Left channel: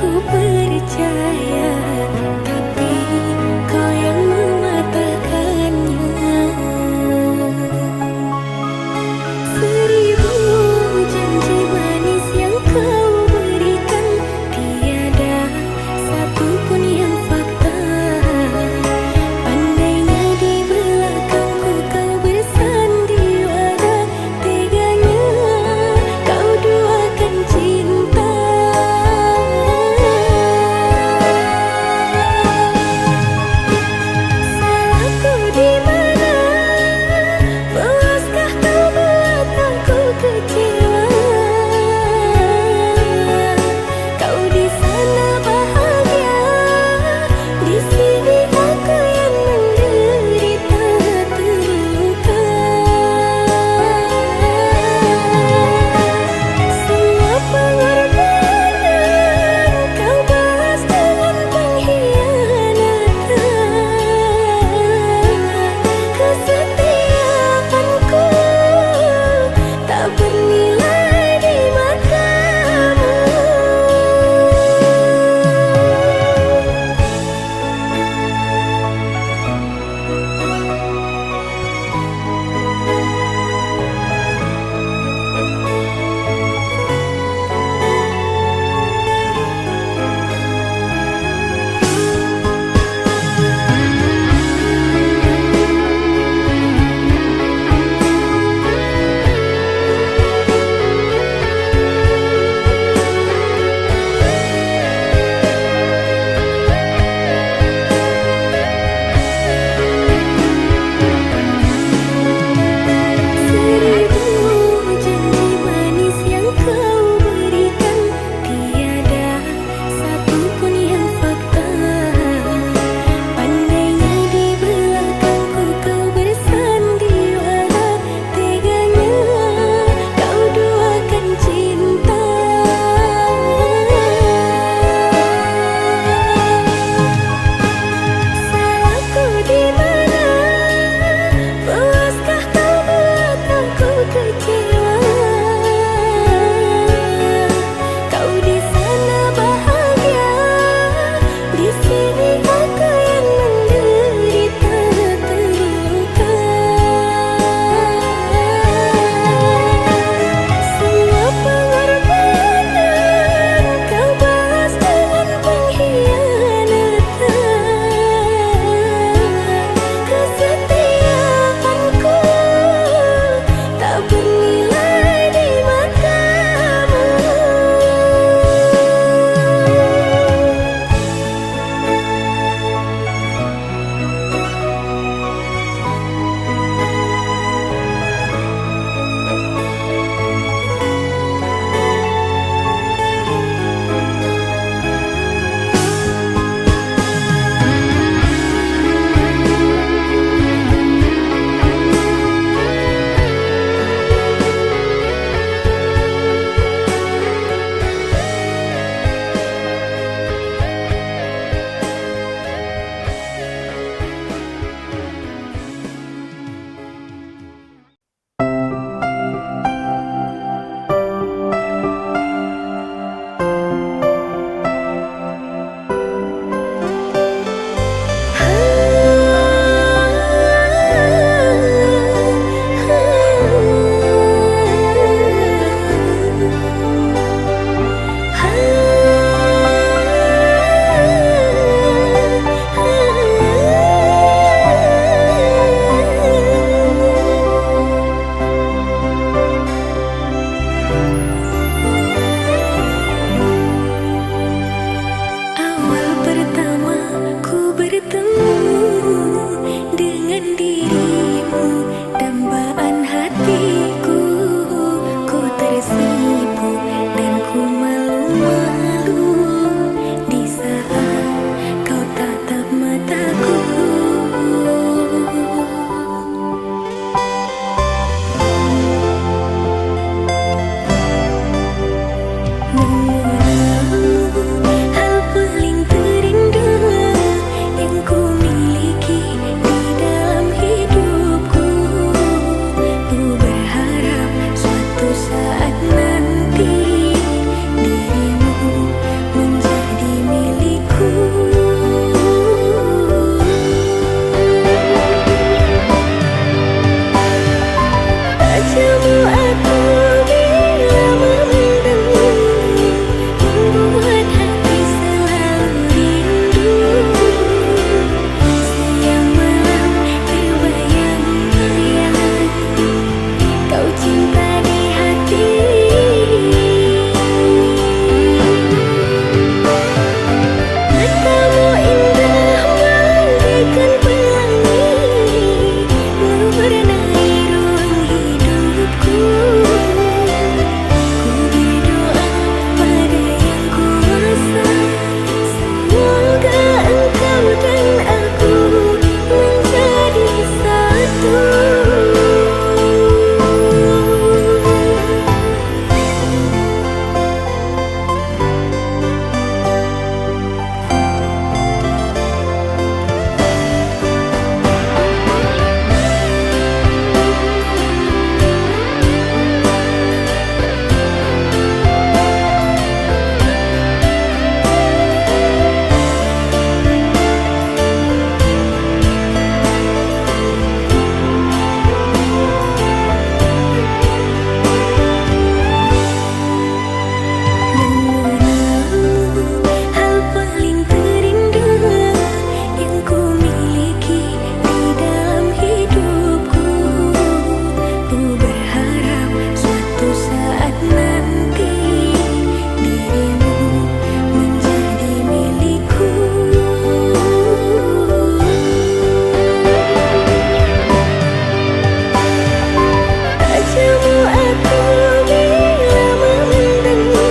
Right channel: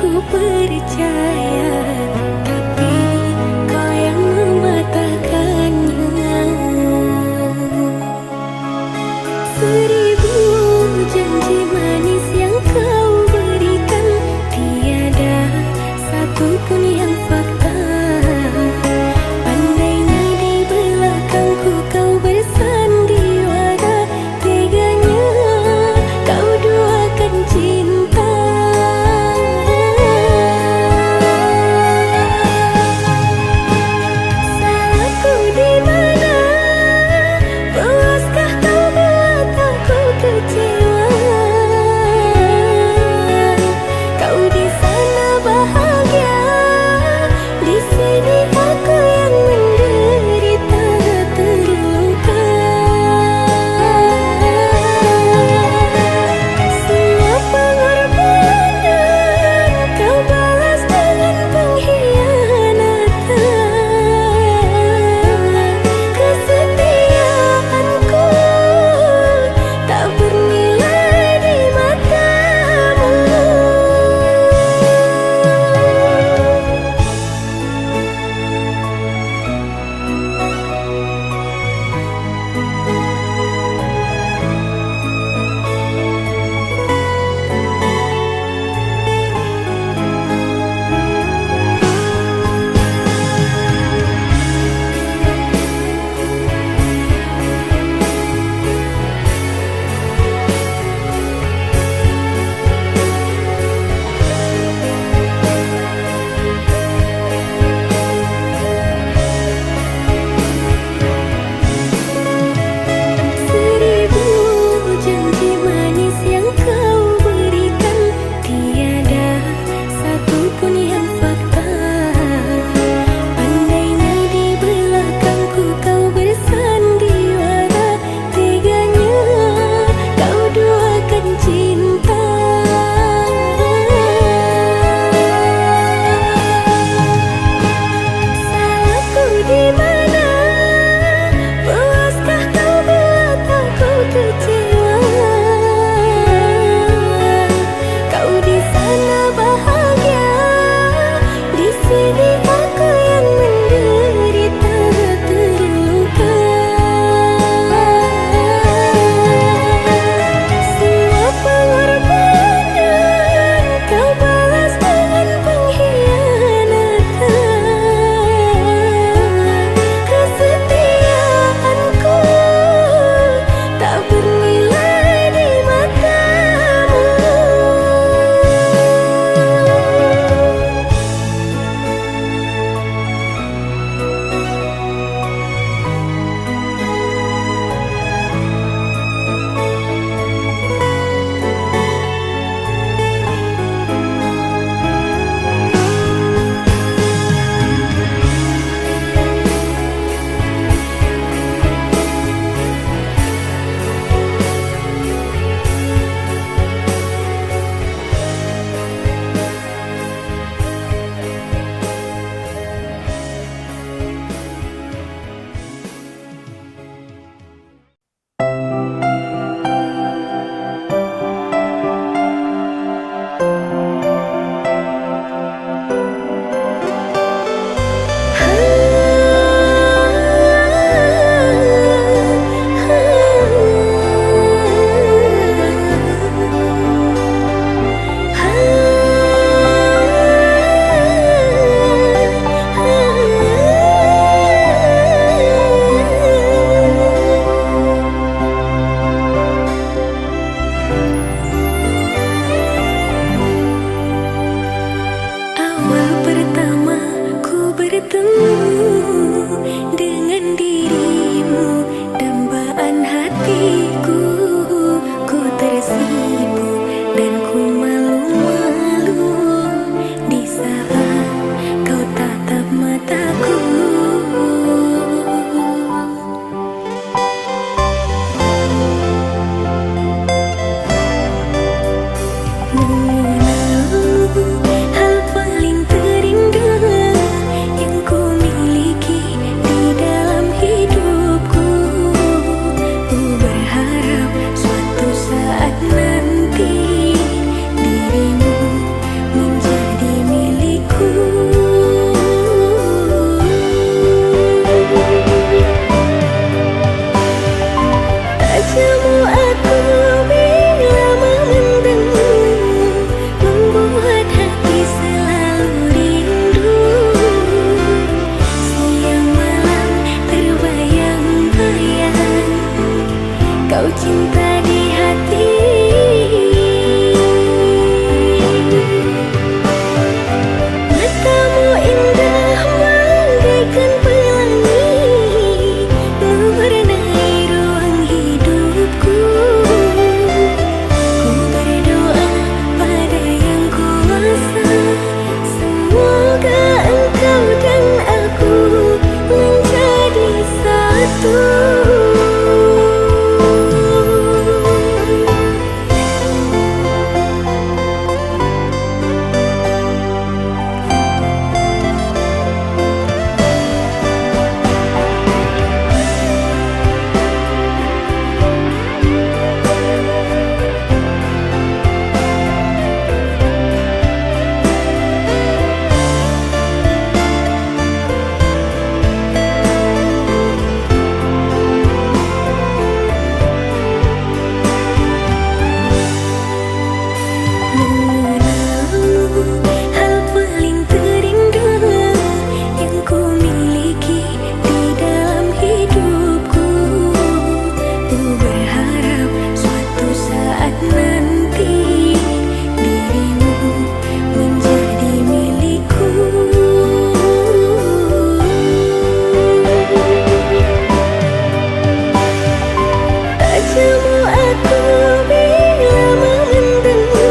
ku percaya, tapi kau yang mematahkannya. Seribu janji manis yang kau berikan, tiada satupun yang fakta. Pandainya di belakangku kau bersandiwara, teganya kau duakan cinta. Salahku di mana? Puaskah kau buat aku kecewa? Kau di sana bahagia, di sini aku yang menderita terluka. Semua pengorbanan kau balas dengan pengkhianatan. Kesetiaanku tak bernilai di matamu. Seribu janji manis yang kau berikan, tiada satupun yang fakta. Pandainya di belakangku kau bersandiwara, teganya kau duakan cinta. Salahku di mana? Puaskah kau buat aku kecewa? Kau di sana bahagia, di sini aku yang menderita terluka. Semua pengorbanan kau balas dengan pengkhianatan. Kesetiaanku tak bernilai di matamu. Awal pertama ku bertemu dengan dirimu, dambaan hatiku, ku tersipu dan ku malu-malu di saat kau tatap mataku. Mengenalmu hal paling terindah yang ku miliki di dalam hidupku. Ku berharap suatu saat nanti dirimu menjadi kau cinta di hati. Matamu indah bagaikan pelangi, mewarnai ruang hidupku. Ku berdoa pada Yang Kuasa, semoga engkau dan aku menjadi satu. Mengenalmu hal paling terindah yang ku miliki di dalam hidupku. Ku berharap suatu saat nanti dirimu menjadi milikku. Tak jemu aku bila memandangmu,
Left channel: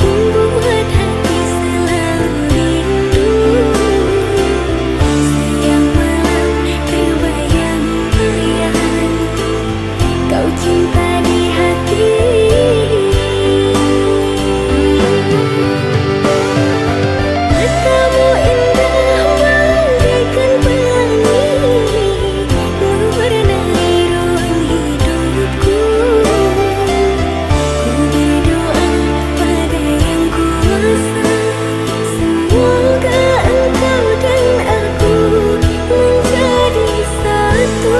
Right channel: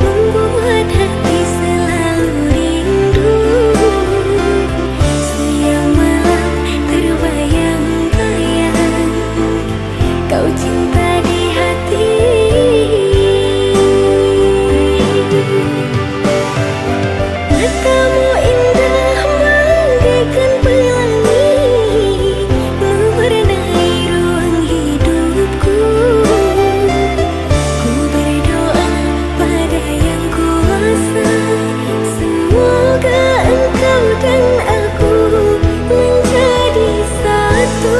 membuat hati selalu rindu. Siang malam terbayang-bayang, kau cinta di hati. Matamu indah bagaikan pelangi, mewarnai ruang hidupku. Ku berdoa pada Yang Kuasa, semoga engkau dan aku menjadi satu.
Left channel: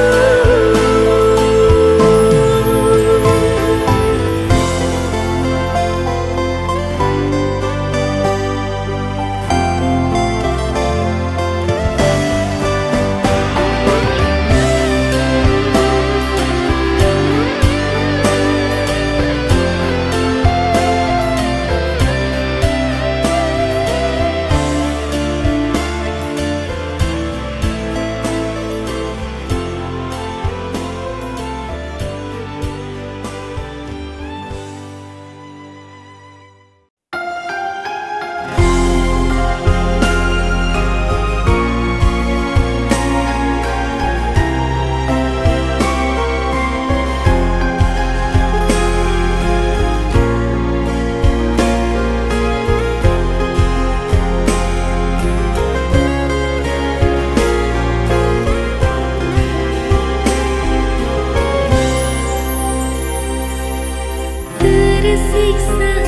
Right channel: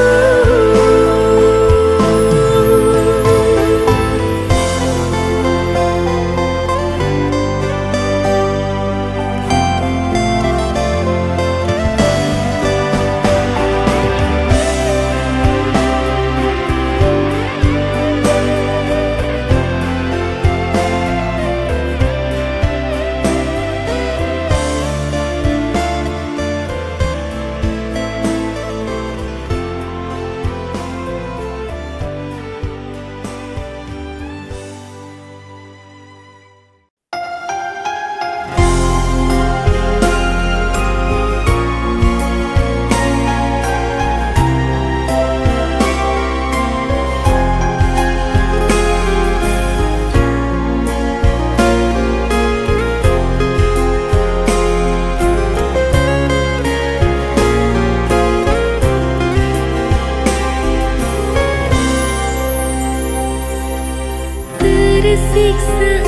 Tersiksa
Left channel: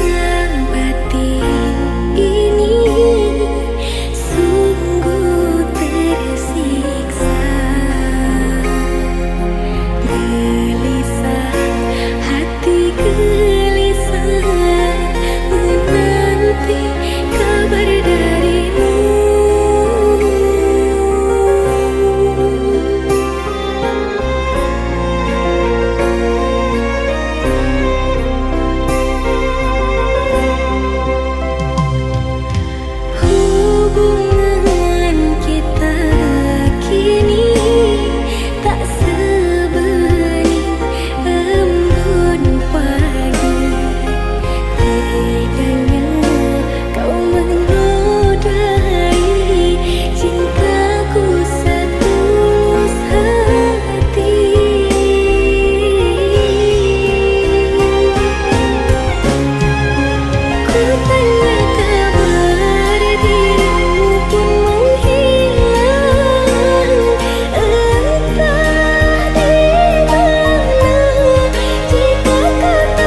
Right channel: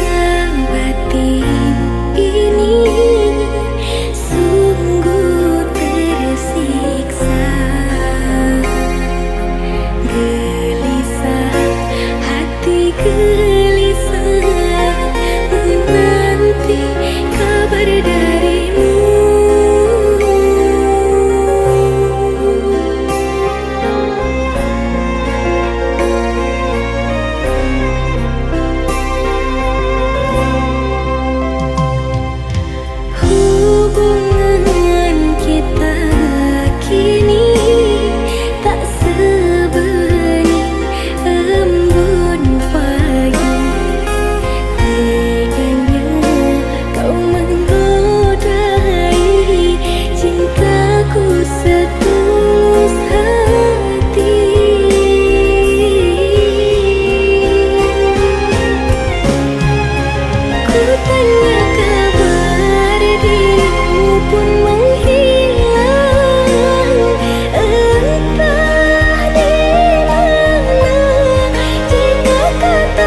batin ini, sungguh tersiksa. Gelisah hati, gelisah menanti kabar darimu. Hubungan kita kini tak sebening embun pagi. Teganya kau menodai cintaku setulus hati. Ku tanya kabar dirimu pun menghilang, entah di mana. Jika kata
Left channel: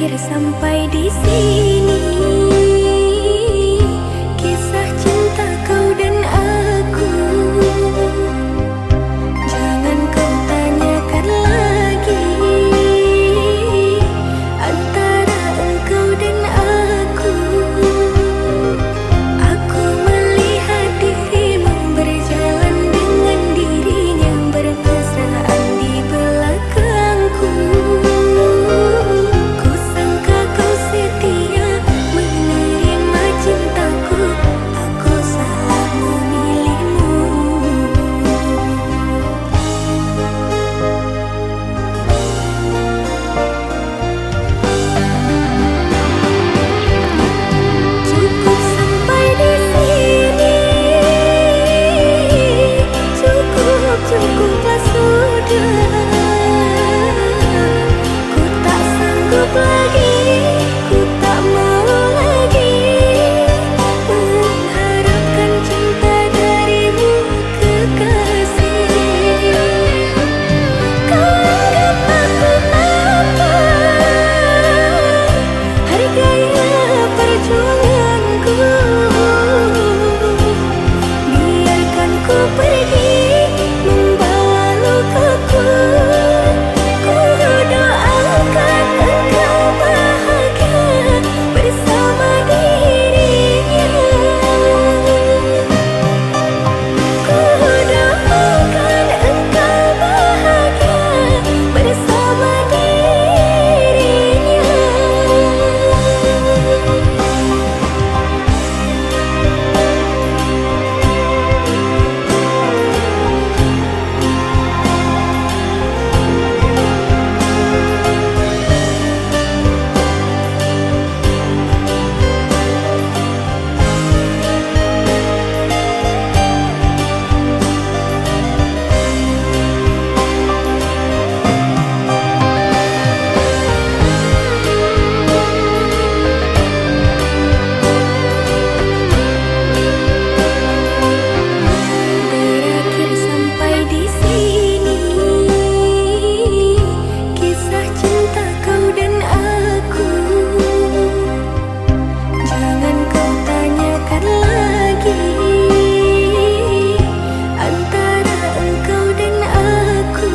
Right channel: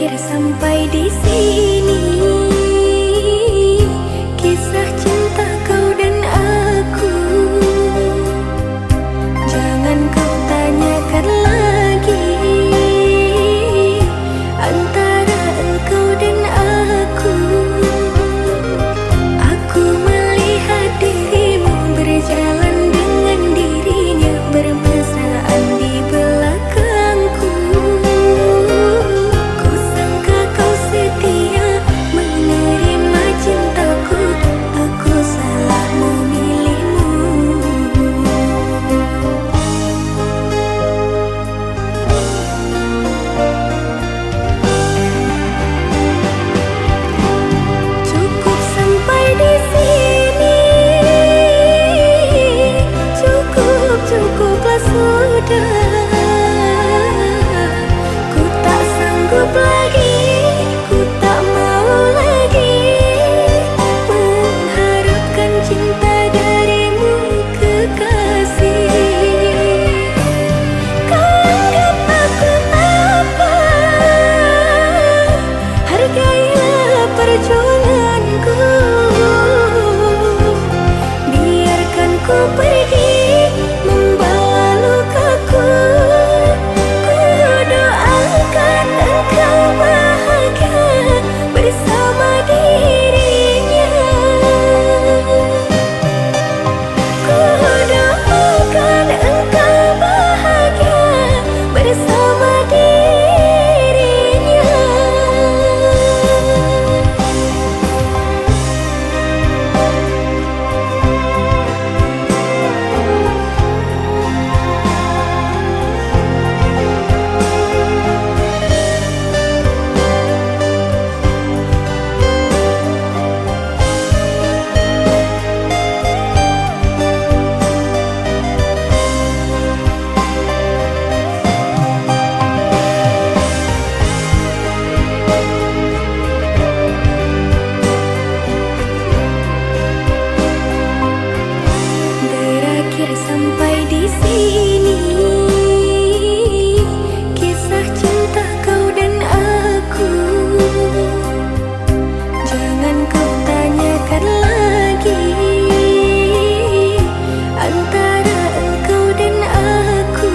Berakhir sampai di sini, kisah cinta kau dan aku. Jangan kau tanyakan lagi antara engkau dan aku. Aku melihat dirimu berjalan dengan dirinya, bermesraan di belakangku. Ku sangka kau setia menerima cintaku, aku salah memilihmu. Cukup sampai di sini, cukuplah sudah. Ku tak sanggup lagi, ku tak mau lagi mengharapkan cinta darimu, kekasih. Kau anggap aku apa? Hargailah perjuanganku. Biarkan ku pergi membawa lukaku. Ku doakan engkau bahagia bersama dirinya. Ku doakan engkau bahagia bersama dirinya. Berakhir sampai di sini, kisah cinta kau dan aku. Jangan kau tanyakan lagi antara engkau dan aku.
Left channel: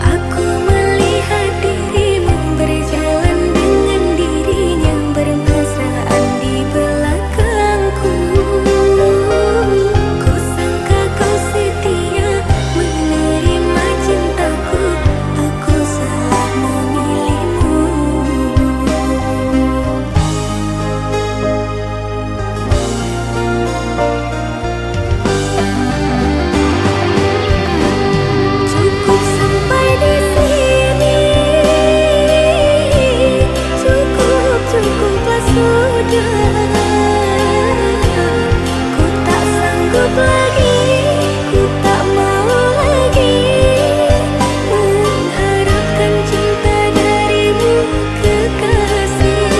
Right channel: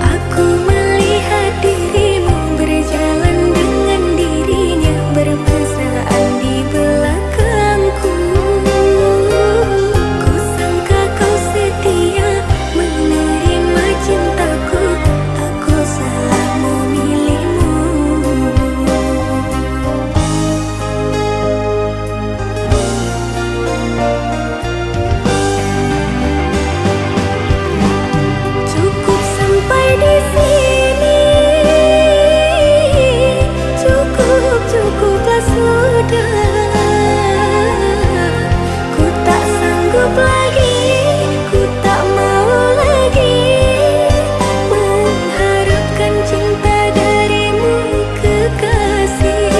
Aku melihat dirimu berjalan dengan dirinya, bermesraan di belakangku. Ku sangka kau setia menerima cintaku, aku salah memilihmu. Cukup sampai di sini, cukuplah sudah. Ku tak sanggup lagi, ku tak mau lagi mengharapkan cinta darimu, kekasih.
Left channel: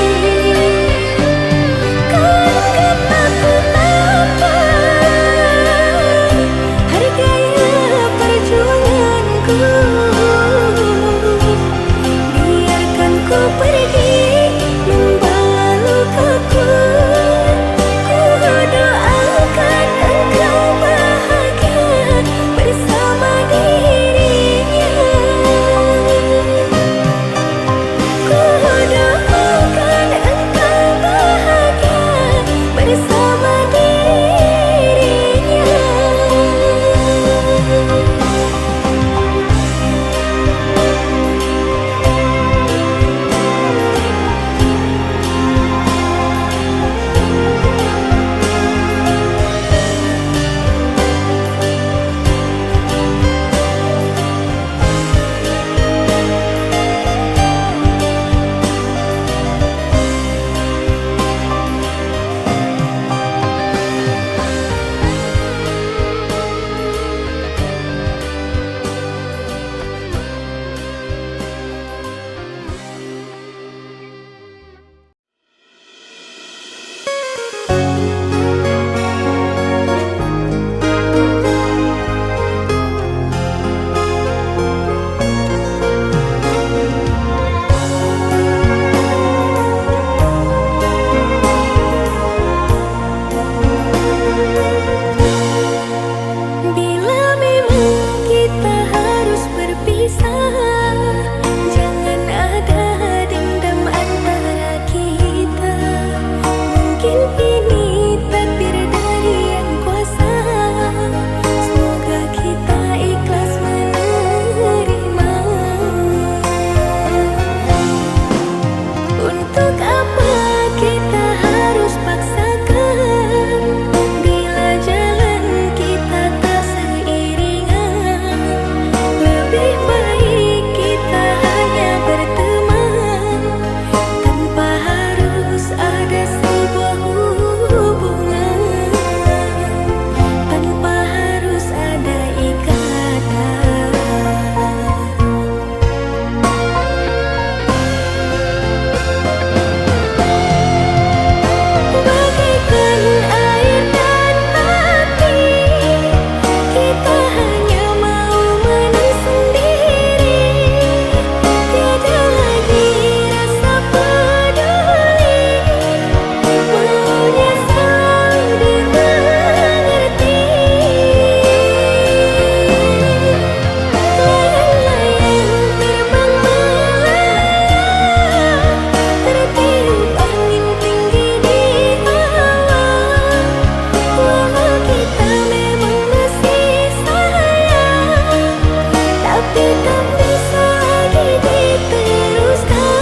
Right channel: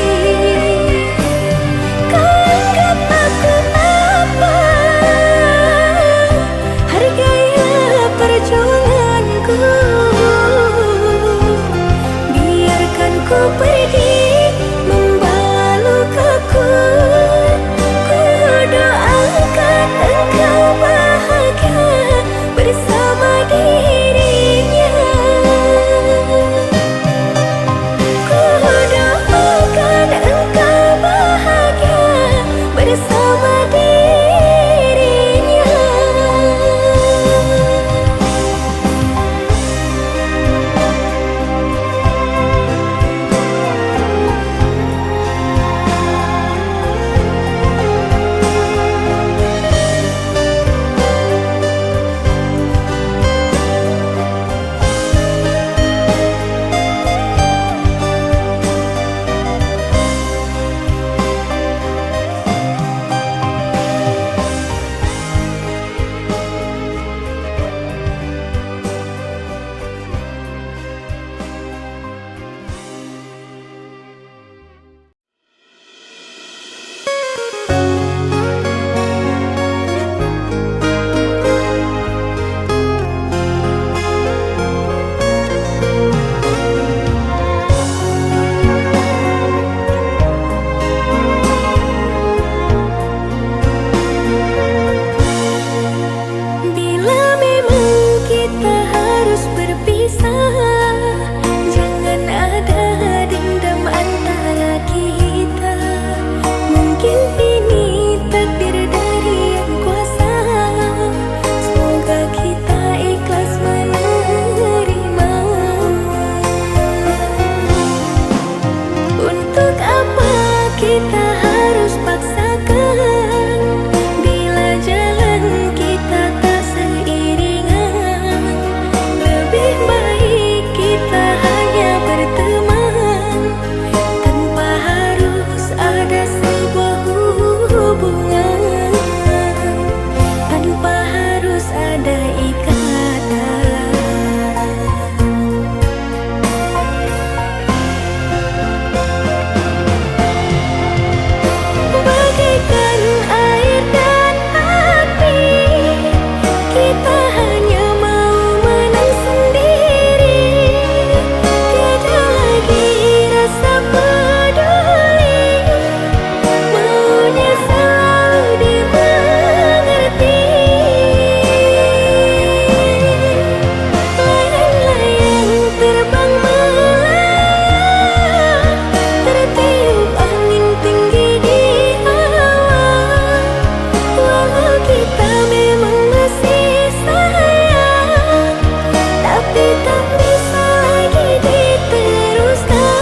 Kau anggap aku apa? Hargailah perjuanganku. Biarkan ku pergi membawa lukaku. Ku doakan engkau bahagia Mungkin ini takdir dari yang kuasa. Semoga kita ikhlas menerima. Untuk apa kita harus paksakan bila jalan kita tak seiringan? Lebih baik kita hanya berteman tanpa harus ada sebuah hubungan, tanpa harus ada ikatan. Bagaikan air dan hati, kita hanya mau menang sendiri. Tiada lagi rasa peduli, maunya selalu dimengerti. Layang-layang terbang melayang, tertiup angin tinggi di hawa. Walau kita memang masih sayang, tapi tak bisa lagi diteruskan.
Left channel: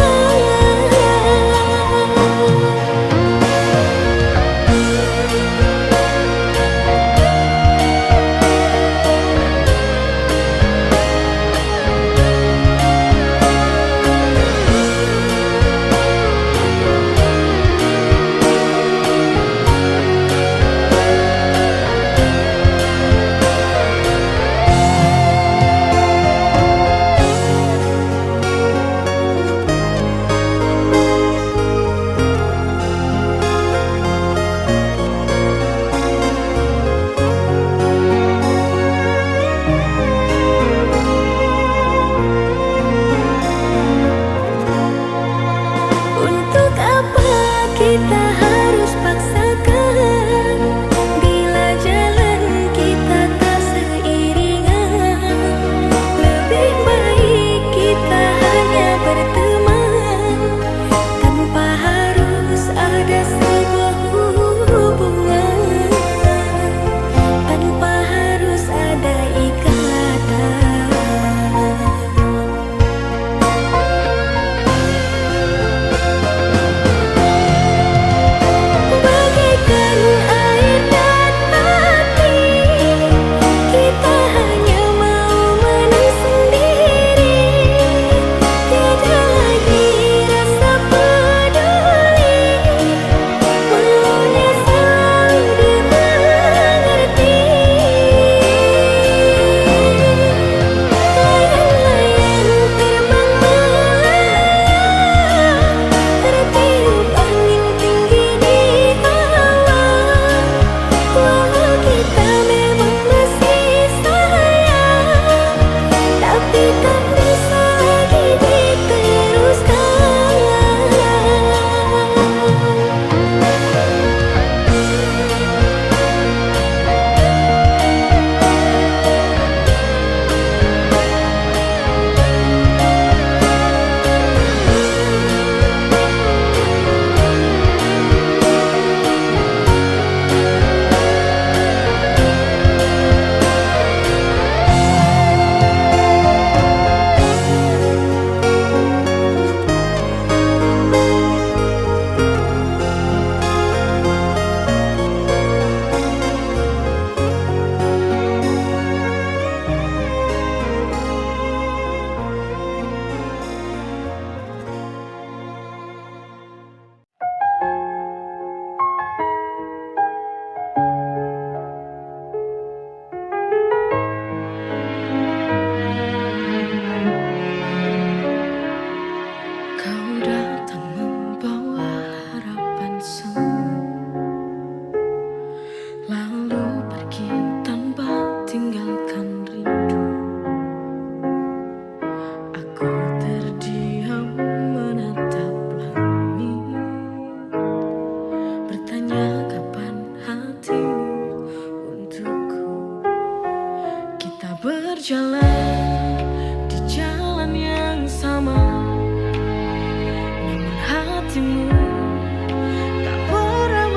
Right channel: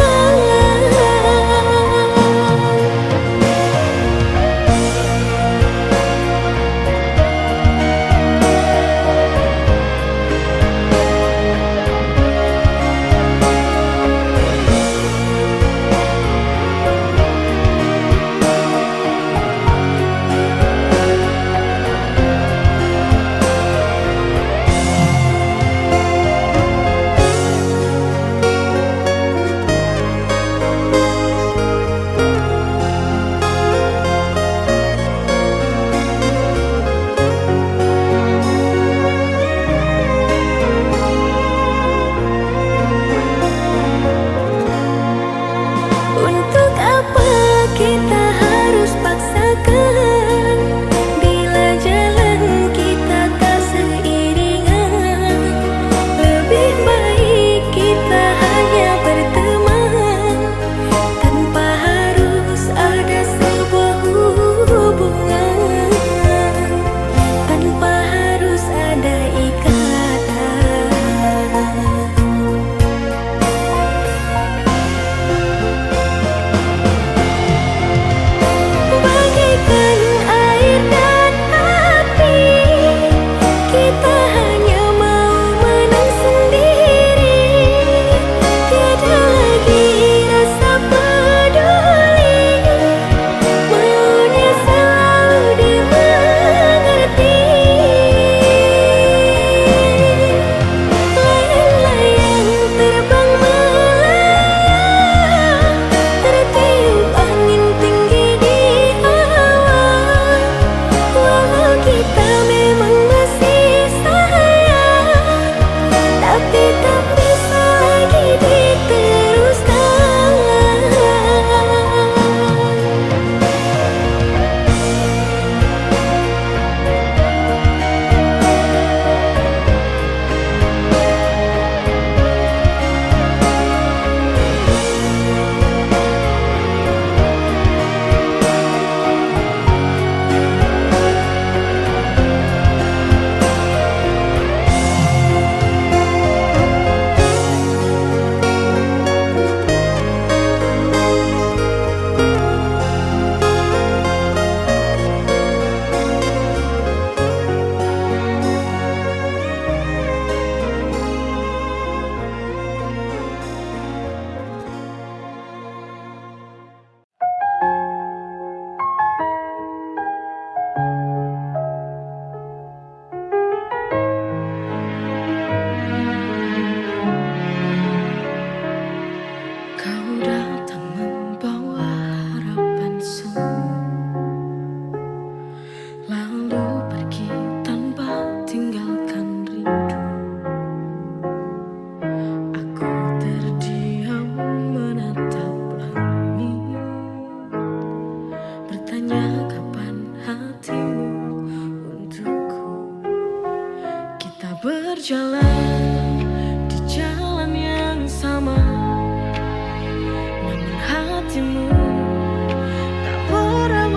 Untuk apa kita harus paksakan bila jalan kita tak seiringan? Lebih baik kita hanya berteman tanpa harus ada sebuah hubungan, tanpa harus ada ikatan. Bagaikan air dan hati, kita hanya mau menang sendiri. Tiada lagi rasa peduli, maunya selalu dimengerti. Layang-layang terbang melayang, tertiup angin tinggi di hawa. Walau kita memang masih sayang, tapi tak bisa lagi diteruskan. Kau datang membawa harapan semu, lalu pergi tanpa tinggalkan rindu. Aku terdiam menatap langit, bertanya kapan hatimu untukku. Kita berjalan di jalan yang sama, namun hatimu tak pernah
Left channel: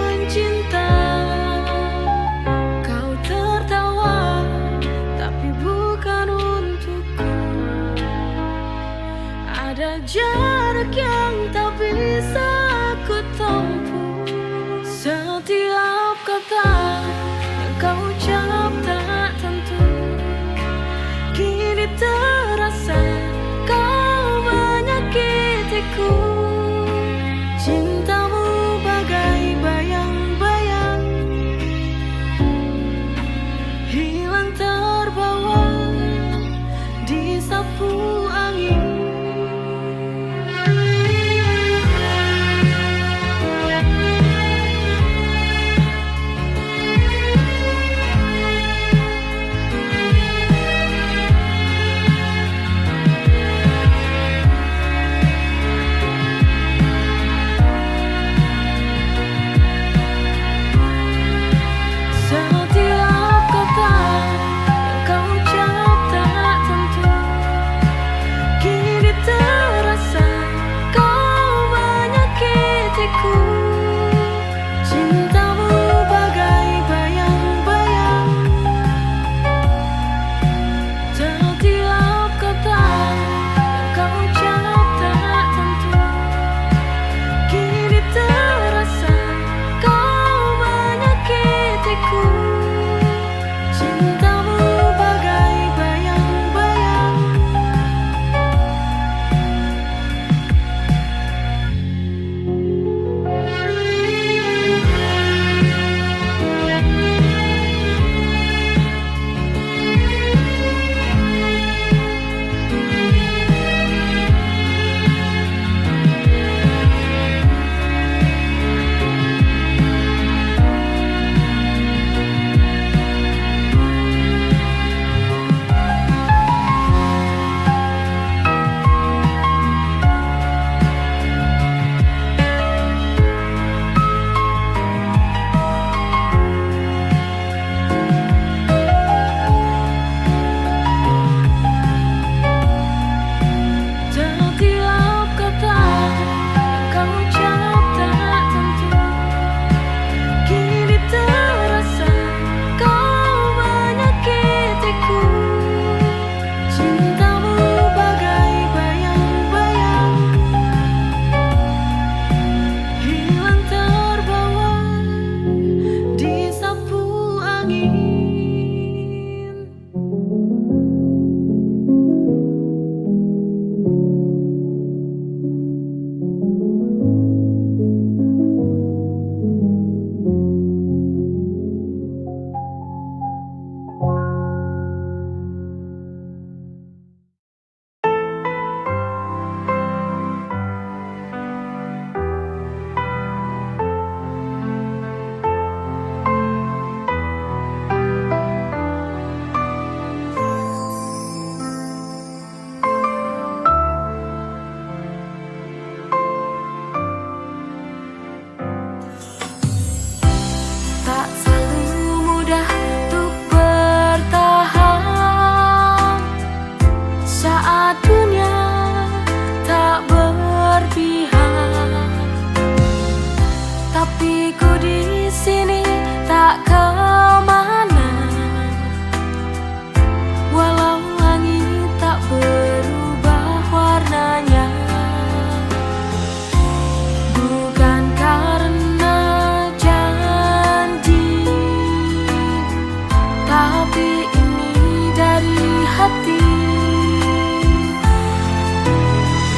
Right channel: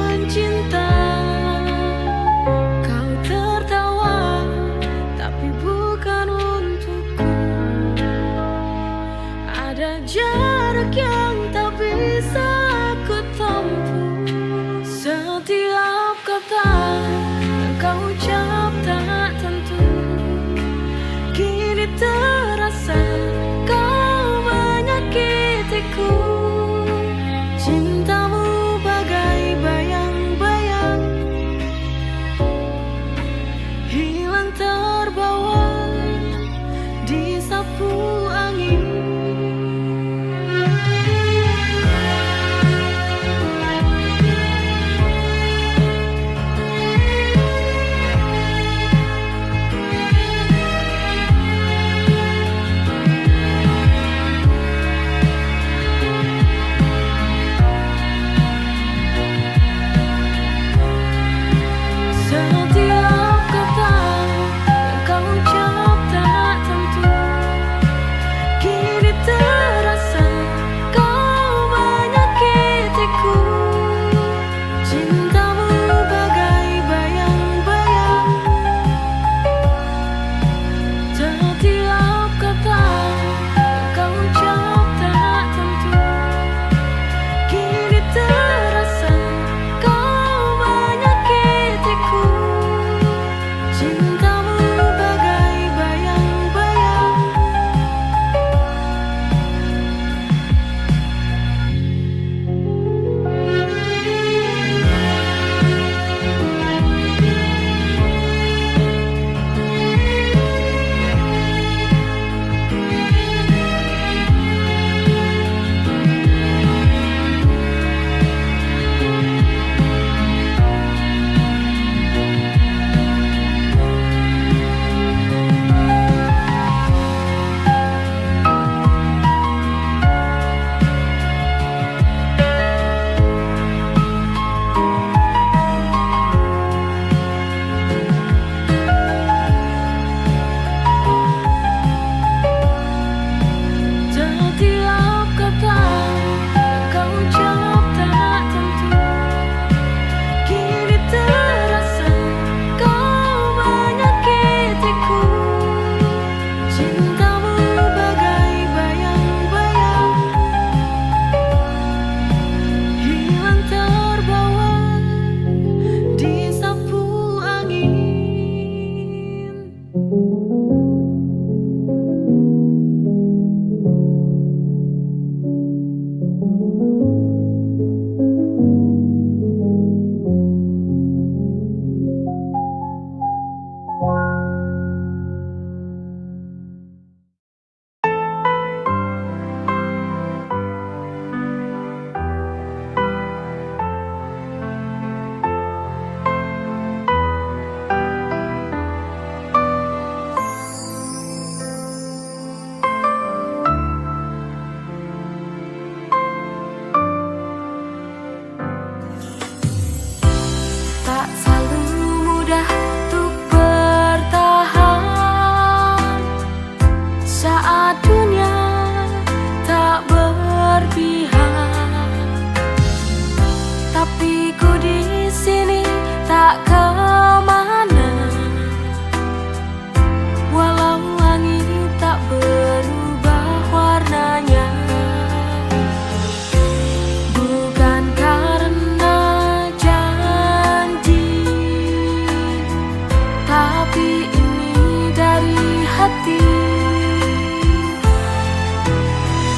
bukan untukku. Ada jarak yang tak bisa aku tempuh. Setiap kata yang kau ucap tak tentu. Kini terasa kau menyakitiku. Cintamu bagai bayang-bayang, hilang terbawa disapu angin. Setiap kata yang kau ucap tak tentu. Kini terasa kau menyakitiku. Cintamu bagai bayang-bayang, setiap kata yang kau ucap tak tentu. Kini terasa kau menyakitiku. Cintamu bagai bayang-bayang. Setiap kata yang kau ucap tak tentu. Kini terasa kau menyakitiku. Cintamu bagai bayang-bayang, hilang terbawa disapu angin. Tak selalu mudah untuk bertahan saat dunia tak berpihak. Tapi ku di sini tak kemana, walau langit tak berubah warnanya. Bukan karena tapi ini dari hati.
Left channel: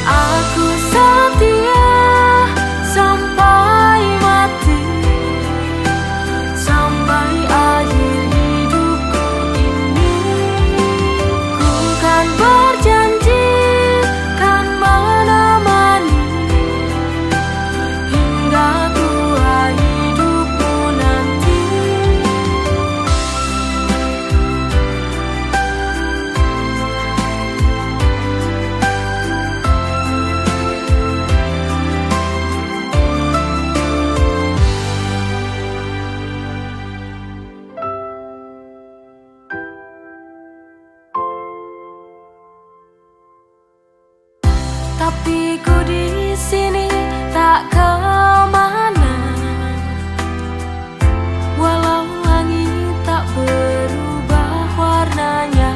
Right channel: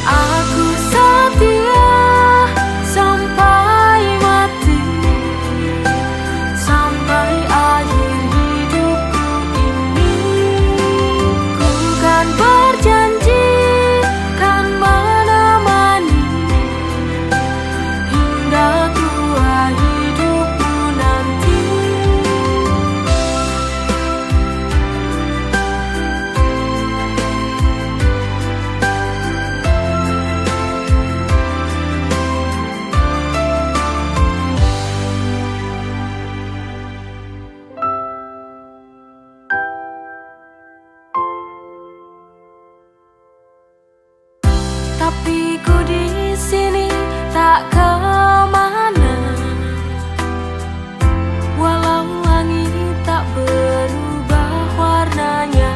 Aku setia sampai mati, sampai akhir hidupku ini. Ku kan berjanji kan menemani hingga tua hidupmu nanti. Tapi ku di sini tak kemana, walau langit tak berubah warnanya.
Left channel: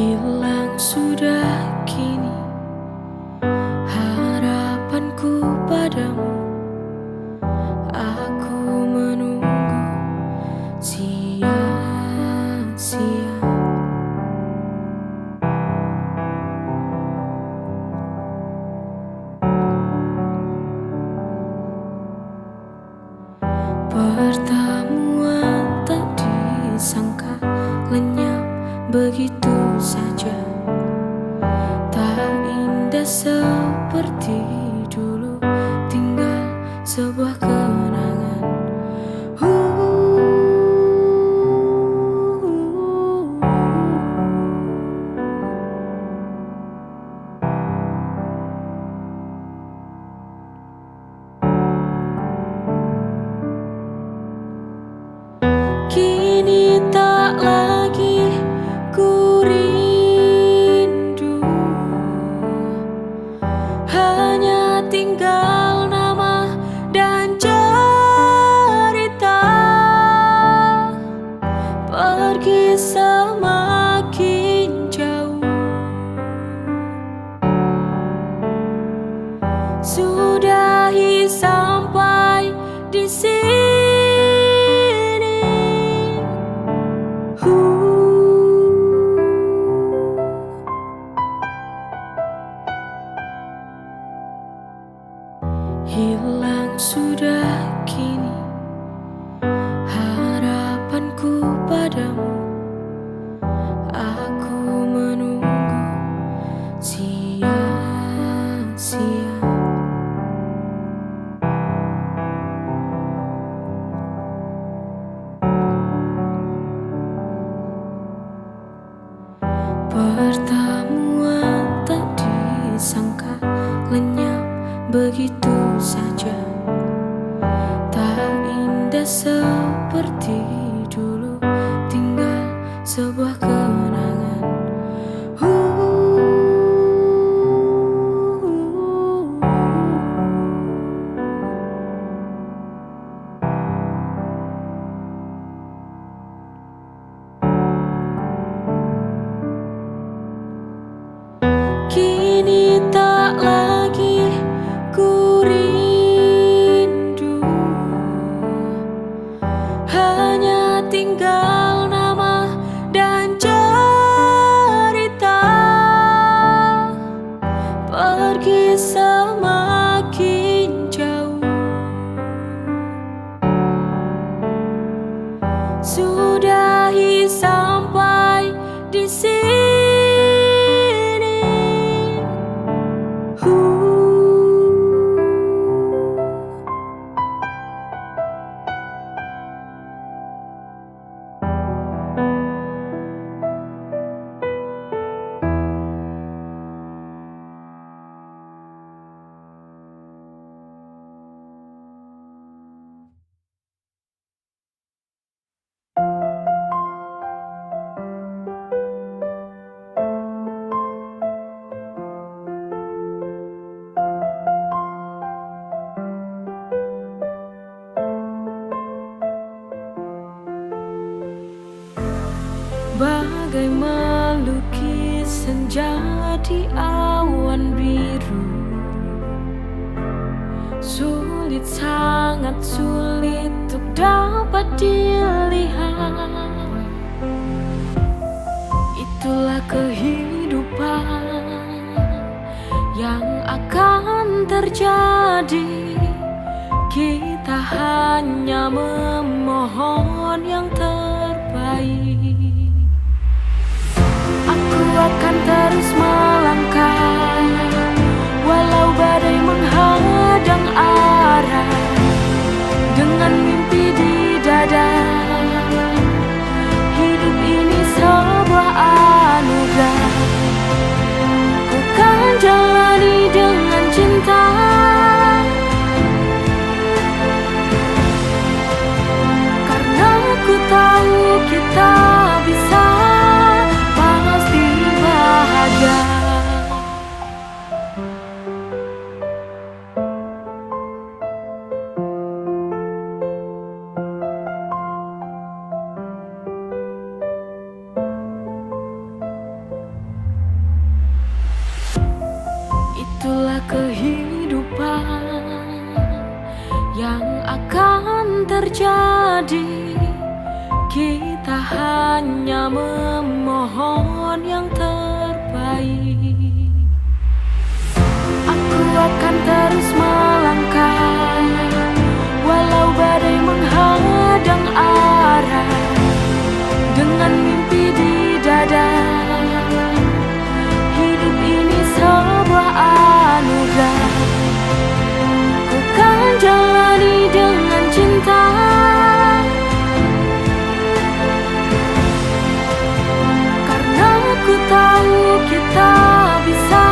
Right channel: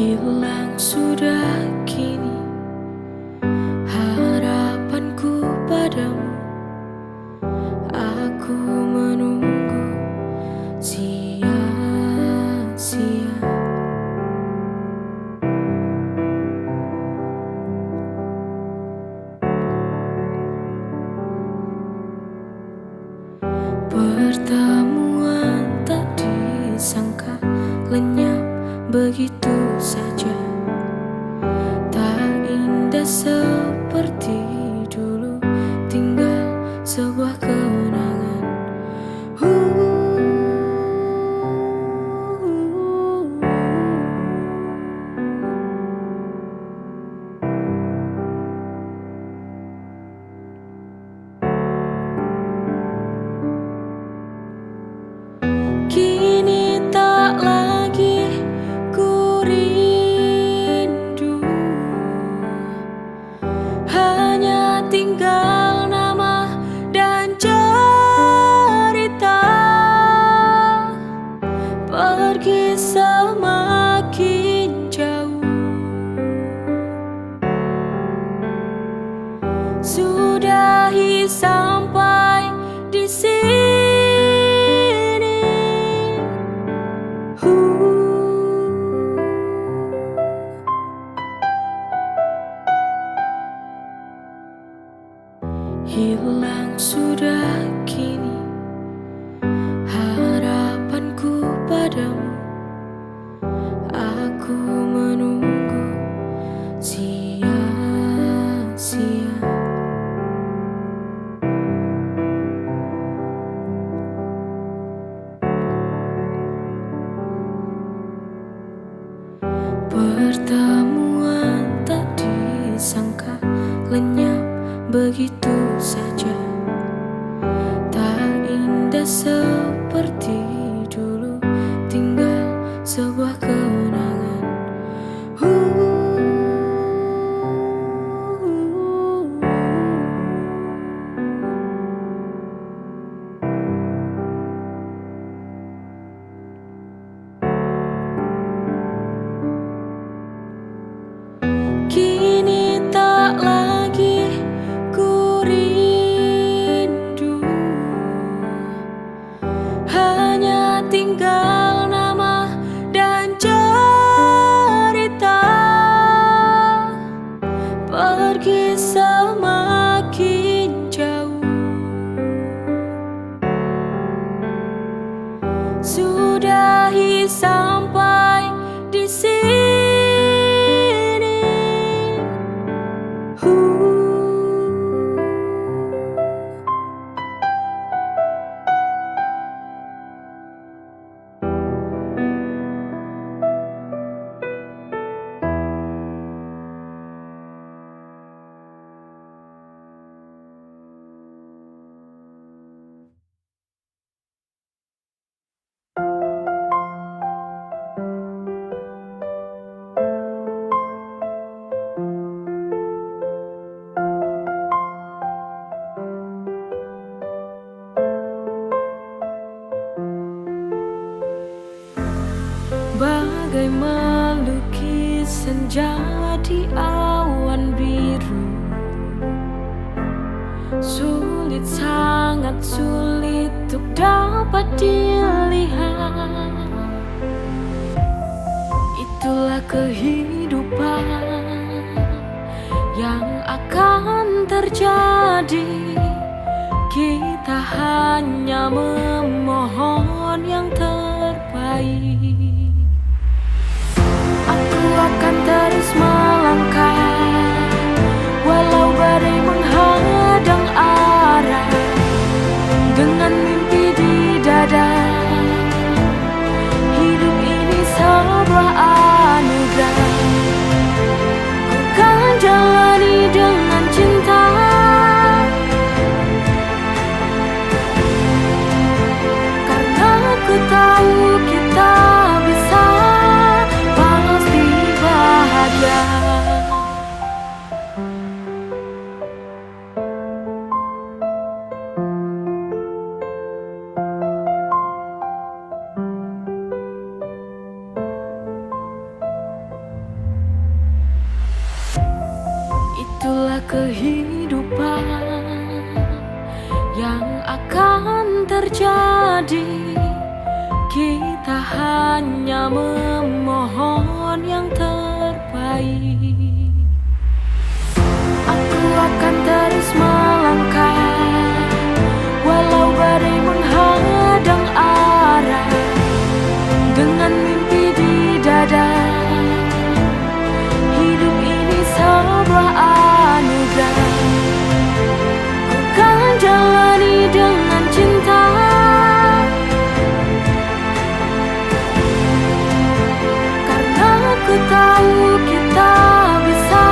Hilang sudah kini harapanku padamu. Aku menunggu sia-sia. Pertemuan tak disangka lenyap begitu saja. Tak indah seperti dulu, tinggal sebuah kenangan. Kini tak lagi ku rindu, hanya tinggal nama dan cerita. Pergi semakin jauh, sudahi sampai di sini. Hilang sudah kini harapanku padamu. Aku menunggu sia-sia. Pertemuan tak disangka lenyap begitu saja. Tak indah seperti dulu, tinggal sebuah kenangan. Kini tak lagi ku rindu, hanya tinggal nama dan cerita. Pergi semakin jauh, sudahi sampai di sini. Bagai melukis senja di awan biru, sulit, sangat sulit untuk dapat dilihat. Itulah kehidupan yang akan terjadi. Kita hanya memohon yang terbaik. Aku akan terus melangkah, walau badai menghadang arah. Dengan mimpi di dada, hidup ini sebuah anugerah. Ku kan jalani dengan cinta, karena ku tahu kita bisa, pasti bahagia. Itulah kehidupan yang akan terjadi. Kita hanya memohon yang terbaik. Aku akan terus melangkah walau badai menghadang arah, dengan mimpi di dada. Hidup ini sebuah anugerah, ku kan jalani dengan cinta. Karena ku tahu kita bisa,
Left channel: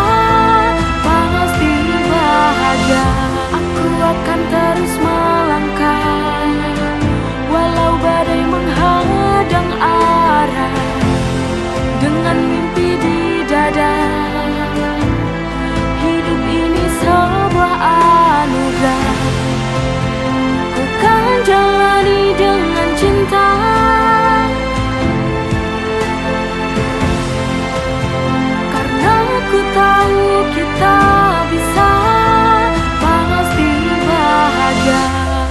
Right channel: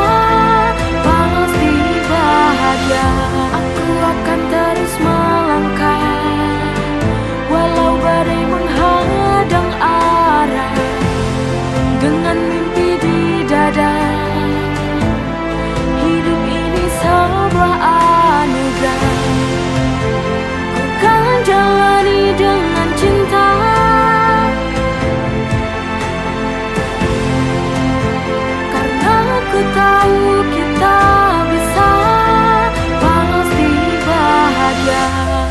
pasti bahagia. Aku akan terus melangkah walau badai menghadang arah, dengan mimpi di dada. Hidup ini sebuah anugerah, ku kan jalani dengan cinta. Karena ku tahu kita bisa, pasti bahagia.